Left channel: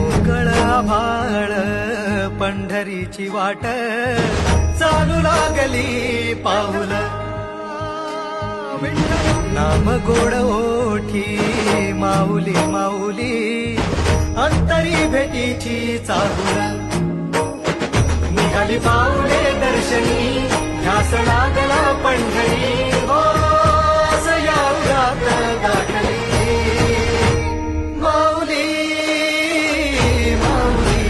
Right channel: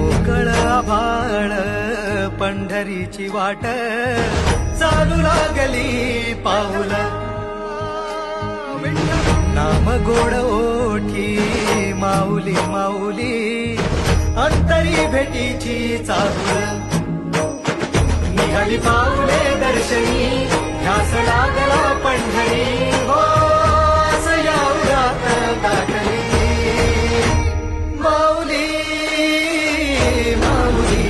मोकळ आभाळ पंढरीची वाट चालू लागली पाऊल नाम गोड ओठी माऊली माऊली अंतरी भेटीची चाहुल निघाली पाऊले दर्शनी ध्यास लागला पंढरी हो यात गाठली माऊली माऊली